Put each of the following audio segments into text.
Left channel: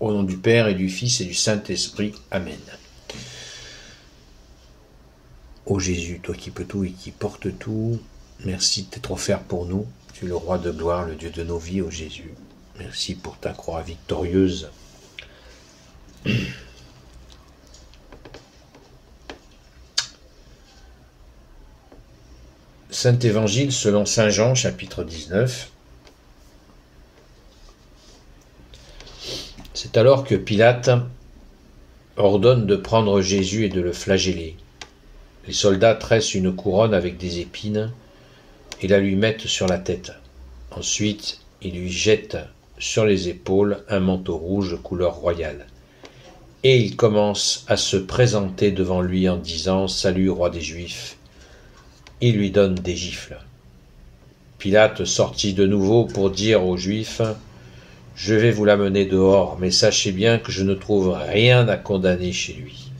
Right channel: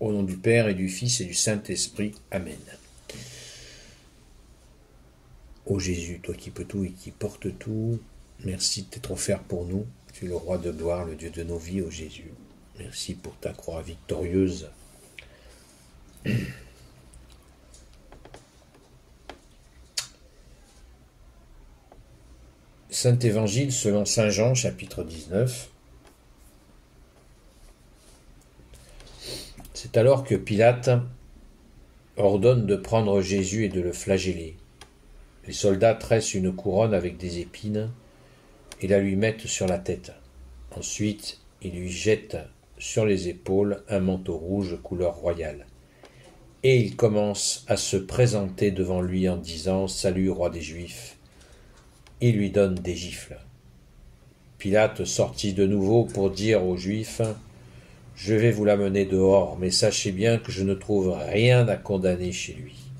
Au nom du Père et du Fils et du Saint-Esprit. Amen. Ô Jésus, toi qui peux tout et qui portes tout, merci de t'être offert pour nous. Tu es le roi de gloire, le Dieu de nos vies, ô Jésus. Merci pour ta croix victorieuse. Saint Évangile selon Saint Jean, chapitre 19. C'est alors que Pilate ordonne de prendre Jésus et de le flageller. Les soldats tressent une couronne avec des épines et la lui mettent sur la tête. Ensuite, ils lui jettent sur les épaules un manteau rouge couleur royale. Et ils commencent à se présenter devant lui en disant « Salut, roi des Juifs !» Il lui donne des gifles. Pilate sortit de nouveau pour dire aux Juifs « Je vais vous l'amener dehors, mais sachez bien que je ne trouve rien à condamner chez lui. »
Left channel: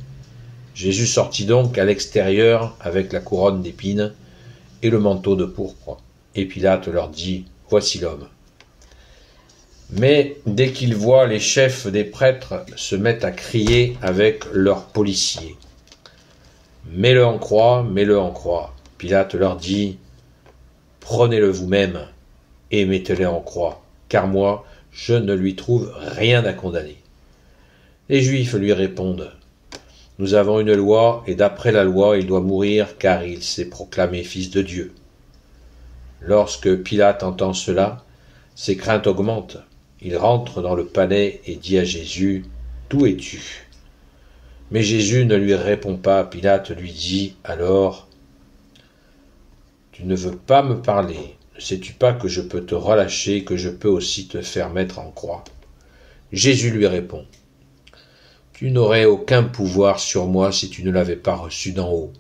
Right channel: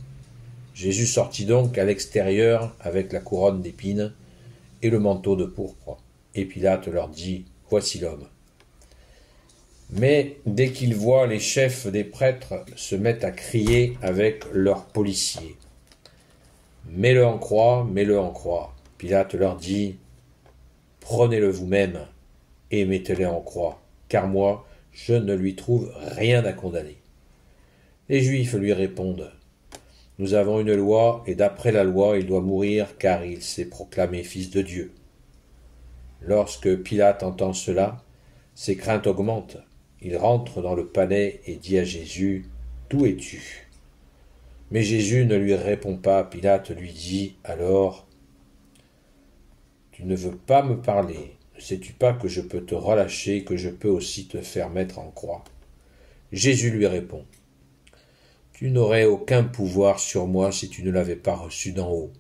Jésus sortit donc à l'extérieur avec la couronne d'épines et le manteau de pourpre. Et Pilate leur dit « Voici l'homme. » Mais dès qu'ils voient les chefs des prêtres se mettent à crier avec leurs policiers. « Mets-le en croix, mets-le en croix. » Pilate leur dit « Prenez-le vous-même et mettez-le en croix, car moi, je ne lui trouve rien à condamner. » Les Juifs lui répondent « Nous avons une loi, et d'après la loi, il doit mourir, car il s'est proclamé fils de Dieu. » Lorsque Pilate entend cela, ses craintes augmentent. Il rentre dans le palais et dit à Jésus « D'où es-tu » Mais Jésus ne lui répond pas. Pilate lui dit alors « Tu ne veux pas me parler. Ne sais-tu pas que je peux te relâcher et que je peux aussi te faire mettre en croix ?» Jésus lui répond « Tu n'aurais aucun pouvoir sur moi si tu ne l'avais pas reçu d'en haut.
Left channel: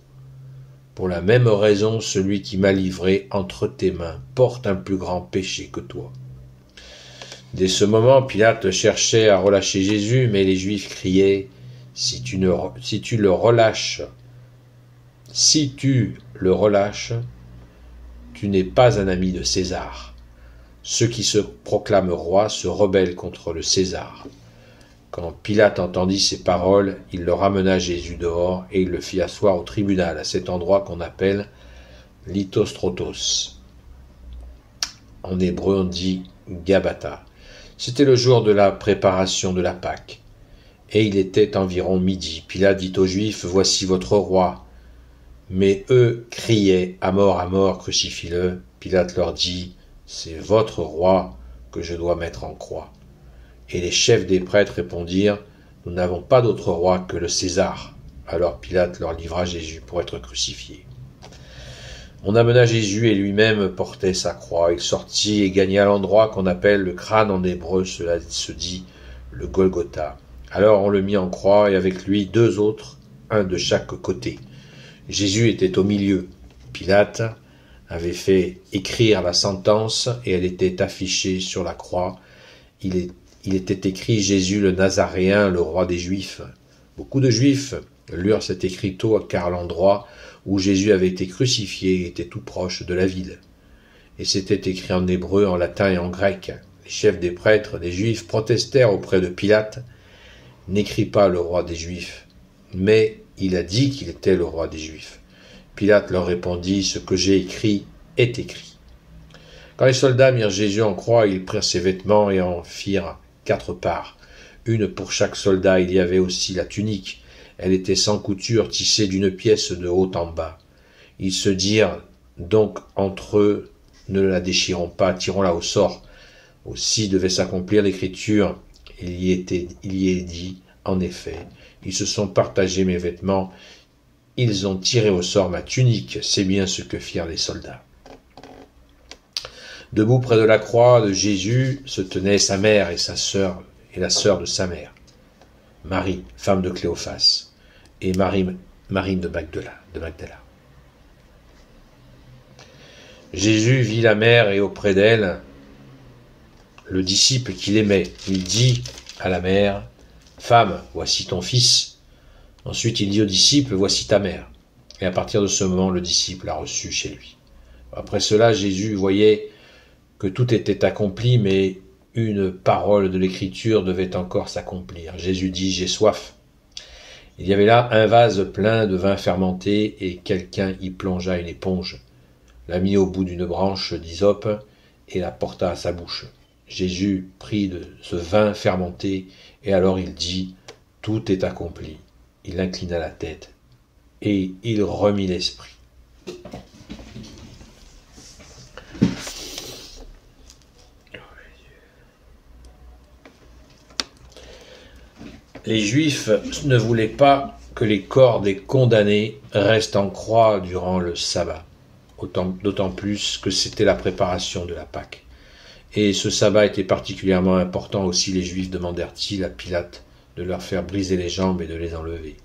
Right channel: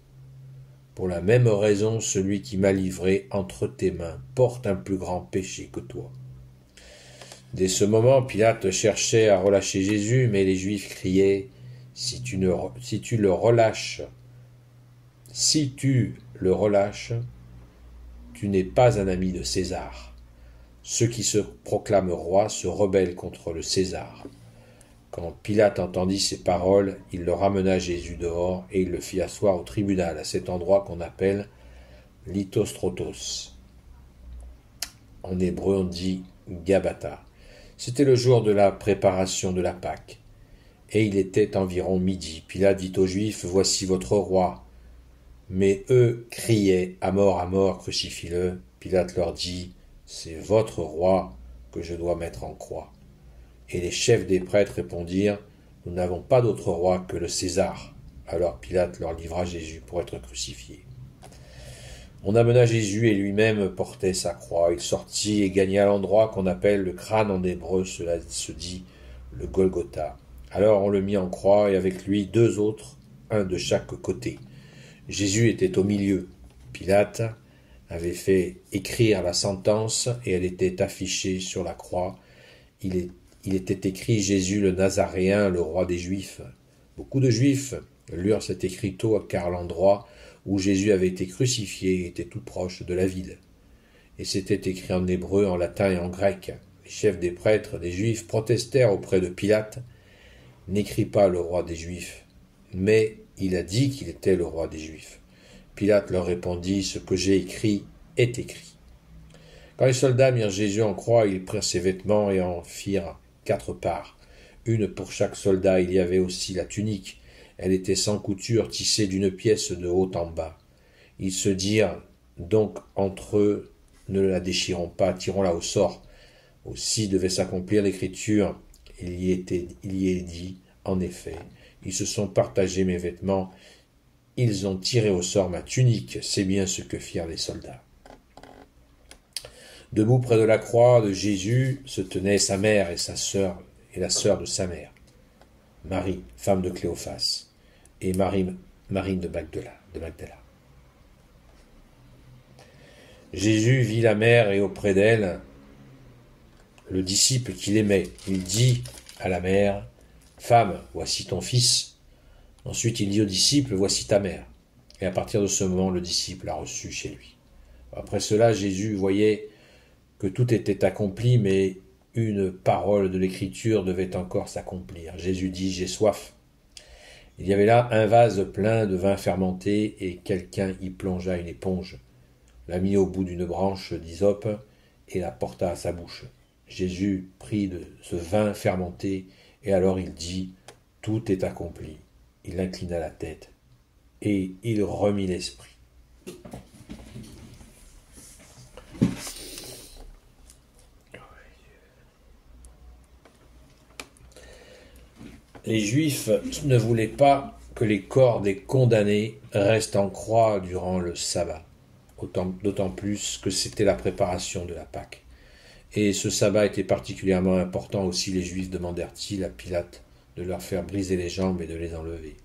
Pour la même raison, celui qui m'a livré entre tes mains porte un plus grand péché que toi. » Dès ce moment, Pilate cherchait à relâcher Jésus, mais les Juifs criaient « Si tu le relâches, tu n'es pas un ami de César. Ceux qui se proclament rois se rebellent contre le César. » Quand Pilate entendit ces paroles, il le ramena Jésus dehors et il le fit asseoir au tribunal, à cet endroit qu'on appelle Lithostrotos. En hébreu, on dit Gabata. C'était le jour de la préparation de la Pâque, et il était environ midi. Pilate dit aux Juifs « Voici votre roi !» Mais eux criaient « À mort, crucifie-le !» Pilate leur dit « C'est votre roi que je dois mettre en croix. » Et les chefs des prêtres répondirent « Nous n'avons pas d'autre roi que le César. » Alors Pilate leur livra Jésus pour être crucifié. On amena Jésus et lui-même portait sa croix. Il sortit et gagna l'endroit qu'on appelle le crâne en hébreu, cela se dit le Golgotha. Alors on le mit en croix et avec lui 2 autres, un de chaque côté. Jésus était au milieu. Pilate avait fait écrire la sentence et elle était affichée sur la croix. Il était écrit « Jésus le Nazaréen, le roi des Juifs ». Beaucoup de Juifs lurent cet écriteau car l'endroit où Jésus avait été crucifié était tout proche de la ville. Et c'était écrit en hébreu, en latin et en grec. Les chefs des prêtres, des Juifs, protestèrent auprès de Pilate « N'écris pas le roi des Juifs, mais il a dit qu'il était le roi des Juifs. » Pilate leur répondit « Ce que j'ai écrit est écrit. » Quand les soldats mirent Jésus en croix, ils prirent ses vêtements et en firent 4 parts, une pour chaque soldat. Il y avait aussi la tunique. Elle était sans couture, tissée d'une pièce de haut en bas. Ils se dirent donc entre eux, ne la déchirons pas, tirons-la au sort. Aussi devait s'accomplir l'écriture. Il y est dit, en effet, ils se sont partagés mes vêtements, ils ont tiré au sort ma tunique. C'est bien ce que firent les soldats. Debout près de la croix de Jésus se tenaient sa mère et sa sœur, et la sœur de sa mère, Marie, femme de Cléophas, et Marine de Magdala. Jésus vit la mère et auprès d'elle le disciple qu'il aimait. Il dit à la mère « Femme, voici ton fils ». Ensuite il dit au disciple « Voici ta mère ». Et à partir de ce moment, le disciple l'a reçu chez lui. Après cela, Jésus voyait que tout était accompli, mais une parole de l'Écriture devait encore s'accomplir. Jésus dit « J'ai soif ». Il y avait là un vase plein de vin fermenté, et quelqu'un y plongea une éponge, la mit au bout d'une branche d'hysope et la porta à sa bouche. Jésus prit de ce vin fermenté, et alors il dit « Tout est accompli ». Il inclina la tête, et il remit l'esprit. Les Juifs ne voulaient pas que les corps des condamnés restent en croix durant le sabbat, d'autant plus que c'était la préparation de la Pâque. Et ce sabbat était particulièrement important aussi. Les Juifs demandèrent-ils à Pilate de leur faire briser les jambes et de les enlever.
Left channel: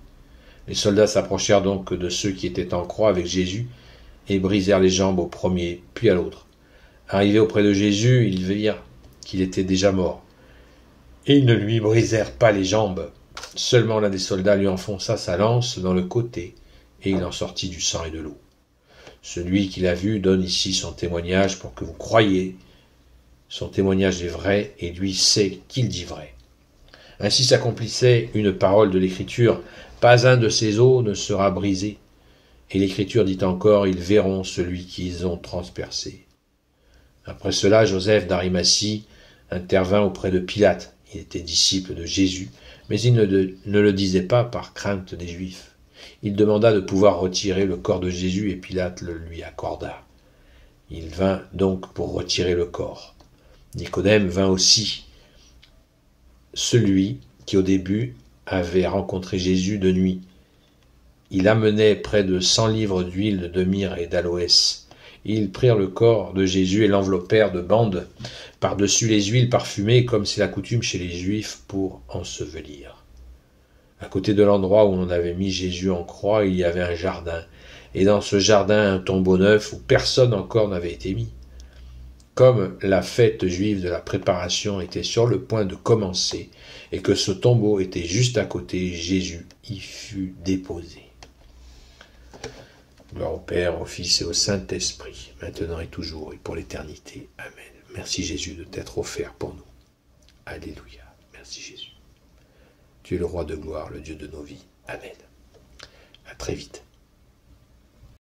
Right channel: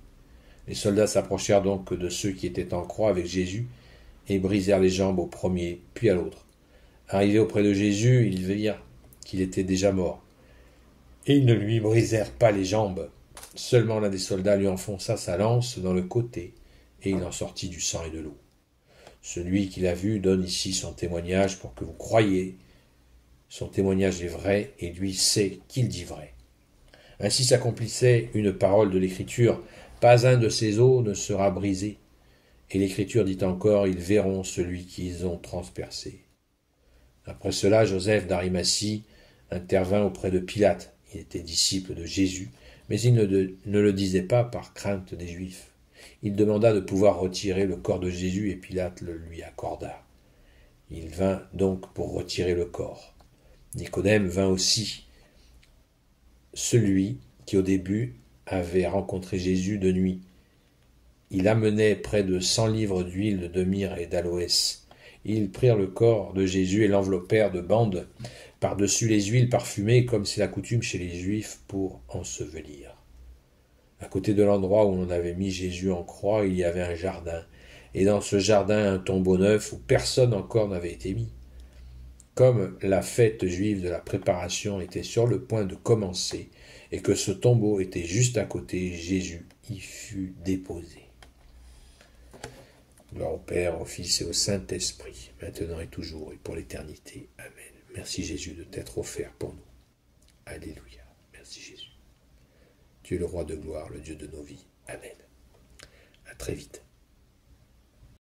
Les soldats s'approchèrent donc de ceux qui étaient en croix avec Jésus et brisèrent les jambes au premier, puis à l'autre. Arrivés auprès de Jésus, ils virent qu'il était déjà mort. Et ils ne lui brisèrent pas les jambes. Seulement l'un des soldats lui enfonça sa lance dans le côté, et il en sortit du sang et de l'eau. Celui qui l'a vu donne ici son témoignage pour que vous croyiez. Son témoignage est vrai, et lui sait qu'il dit vrai. Ainsi s'accomplissait une parole de l'Écriture, pas un de ses os ne sera brisé. Et l'Écriture dit encore, ils verront celui qu'ils ont transpercé. Après cela, Joseph d'Arimathie intervint auprès de Pilate. Il était disciple de Jésus, mais il ne le disait pas par crainte des Juifs. Il demanda de pouvoir retirer le corps de Jésus, et Pilate le lui accorda. Il vint donc pour retirer le corps. Nicodème vint aussi, celui qui au début avait rencontré Jésus de nuit. Il amenait près de 100 livres d'huile de myrrhe et d'aloès. Ils prirent le corps de Jésus et l'enveloppèrent de bandes par-dessus les huiles parfumées, comme c'est la coutume chez les Juifs pour ensevelir. À côté de l'endroit où on avait mis Jésus en croix, il y avait un jardin, et dans ce jardin un tombeau neuf où personne encore n'avait été mis. Comme la fête juive de la préparation était sur le point de commencer, et que ce tombeau était juste à côté, Jésus y fut déposé. Gloire au Père, au Fils et au Saint-Esprit, maintenant et toujours et pour l'éternité. Amen. Merci Jésus de t'être offert pour nous. Alléluia. Merci Jésus. Tu es le roi de gloire, le Dieu de nos vies. Amen. À très vite.